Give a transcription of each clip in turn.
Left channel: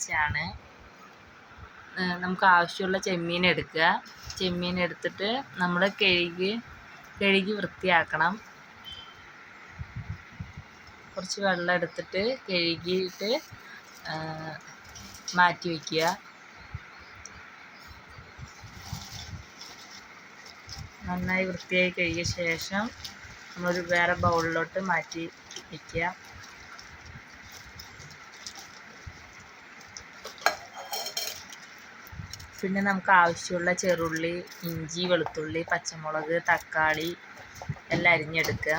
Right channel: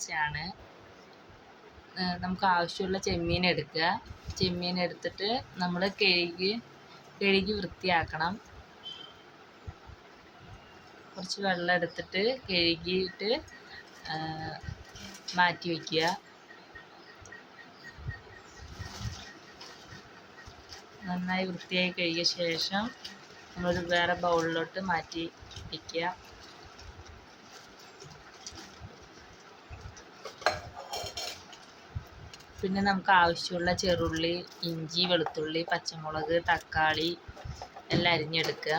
ടേസ്റ്റാണ്. നമുക്ക് ആവശ്യമുള്ള ചെമ്മീൻ എടുക്കുക. ചെമ്മീൻ എടുത്തിട്ട് നമ്മൾ കഴുകി വൃത്തിയാക്കണം. കുറച്ച് വെള്ളം എടുത്തിട്ട് കഴുകിയിട്ട് മാറ്റി വയ്ക്കുക. നന്നായി വൃത്തിയായി കഴുകിയ ശേഷം നമ്മളൊരു വേറെ ബൗളിലോട്ട് മാറ്റി വയ്ക്കുക. പിന്നെ നമുക്ക് ആവശ്യമുള്ള ചെറുള്ളി, ഇഞ്ചി, വെളുത്തുള്ളി, പച്ചമുളക്, തക്കാളി എല്ലാം അരിഞ്ഞെടുക്കുക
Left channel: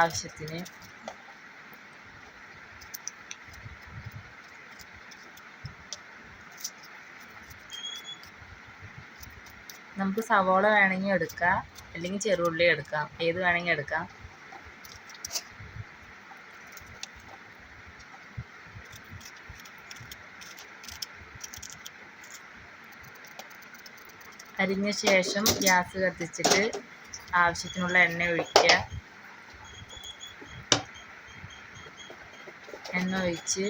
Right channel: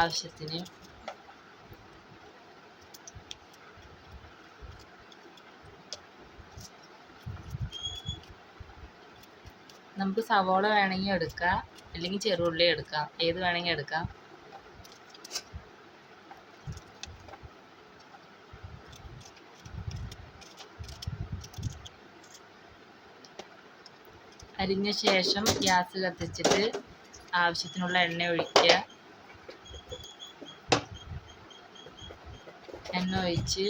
ആവശ്യത്തിന്. നമുക്ക് സവോള വേണമെങ്കിൽ എടുക്കാം, അല്ലെങ്കിൽ ചെറുള്ളി എടുക്കാം, ഏത് വേണമെങ്കിൽ എടുക്കാം. അരിഞ്ഞ ശേഷം ഗ്യാസ് കത്തിച്ചിട്ട് ആവശ്യത്തിനുള്ള എണ്ണ ഒഴിക്കുക. എണ്ണ ഒഴിച്ച്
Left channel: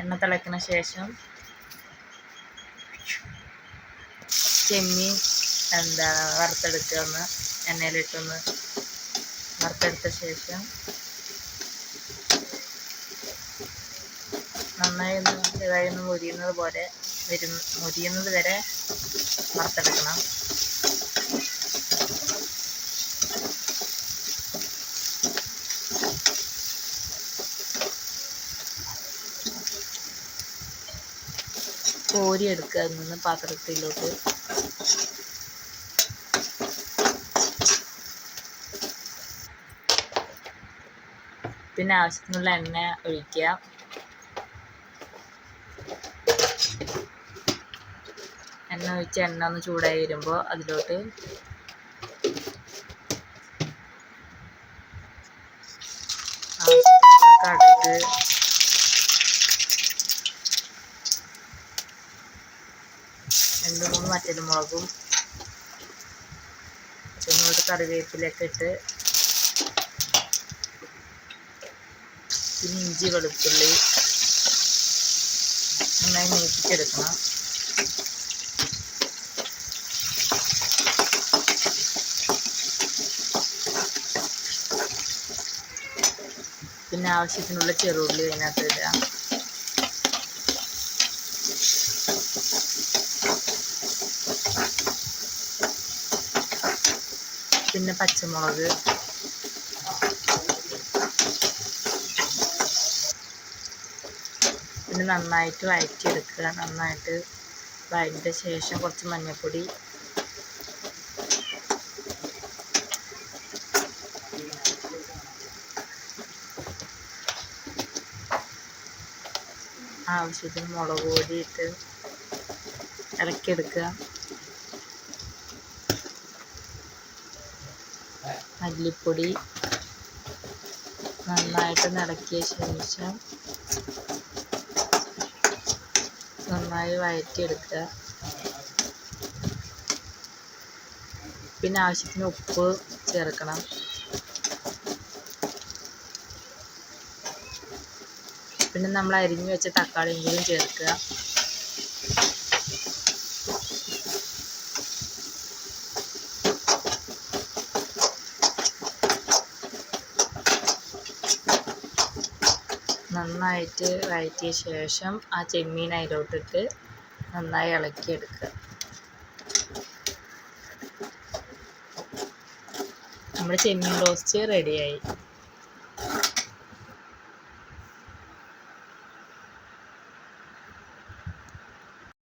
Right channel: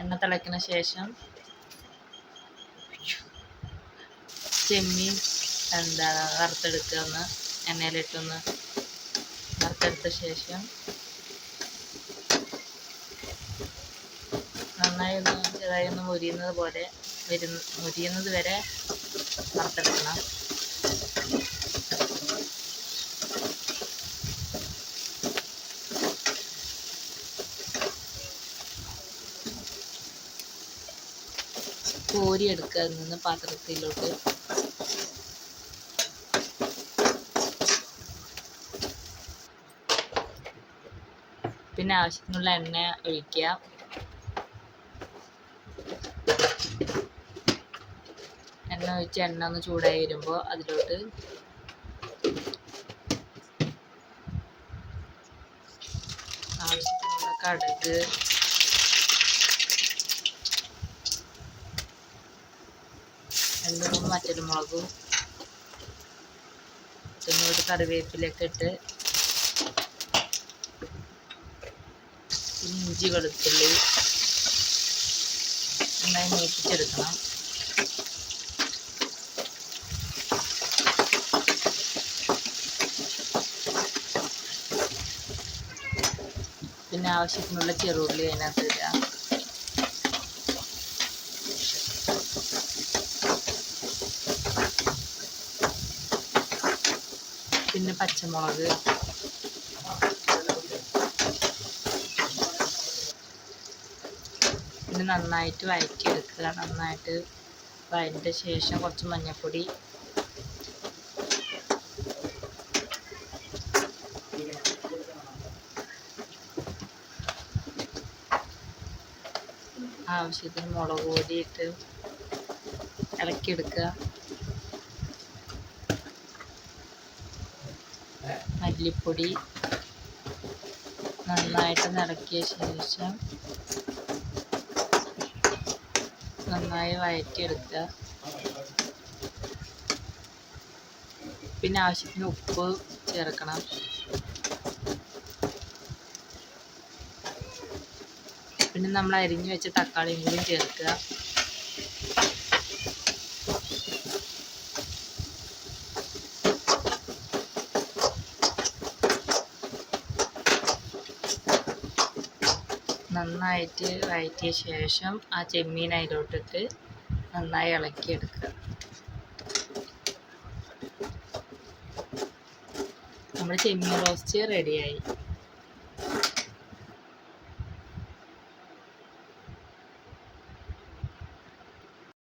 എണ്ണ തിളയ്ക്കുന്ന ശേഷം ചെമ്മീൻ വറുത്തെടുക്കുക. ഒന്ന് എണ്ണയിലിട്ടൊന്ന് വറുത്തെടുത്ത ശേഷം നന്നായി ചെറുതായി മുരിയുന്നത് വരെ വറുത്തെടുക്കണം. കോരിയെടുക്കുക അതിൽ നിന്ന് പാത്രത്തിലോട്ട്. പിന്നെ ആവശ്യത്തിനുള്ള എണ്ണ ഒഴിക്കുക. എണ്ണ ഒഴിച്ച് എണ്ണ ഒന്ന് ചൂടായി വരുമ്പോൾ അതിലോട്ട് ആവശ്യത്തിനുള്ള കടുക്, രണ്ട് മൂന്ന് വറ്റൽമുളകും കറിവേപ്പിലൊക്കെ ഇട്ട്, പിന്നെ ഇഞ്ചി, വെളുത്തുള്ളി നന്നായി മൂപ്പിച്ചെടുക്കണം. പിന്നെ ആവശ്യത്തിനുള്ള ചെറുള്ളി അതിനകത്ത് ഇടുക. പിന്നെ പച്ചമുളക്, പിന്നെ നന്നായിട്ട് വഴറ്റിയെടുക്കുക. നന്നായിട്ട് വഴറ്റിയ ശേഷം കുറച്ച് മഞ്ഞൾപ്പൊടി, ആവശ്യത്തിന് മുളക് പൊടി ഇട്ട് ഇളക്കിയെടുക്കുക. മല്ലിപ്പൊടി നന്നായിട്ട് ഇളക്കിയ ശേഷം നന്നായി വഴറ്റിയെടുക്കുക. പിന്നെ ആവശ്യത്തിന് ഉപ്പ് ചേർക്കണം. പിന്നെ നമ്മൾ അരിഞ്ഞു വെച്ച തക്കാളിയും കൂടി ചേർക്കുക. നന്നായിട്ട് വഴറ്റിയ ശേഷം ആ ചെമ്മീൻ അതിലോട്ടിട്ട് നന്നായി ഇളക്കിയെടുക്കുക. നമ്മുടെ ചെമ്മീൻ റോസ്റ്റ് റെഡിയായി.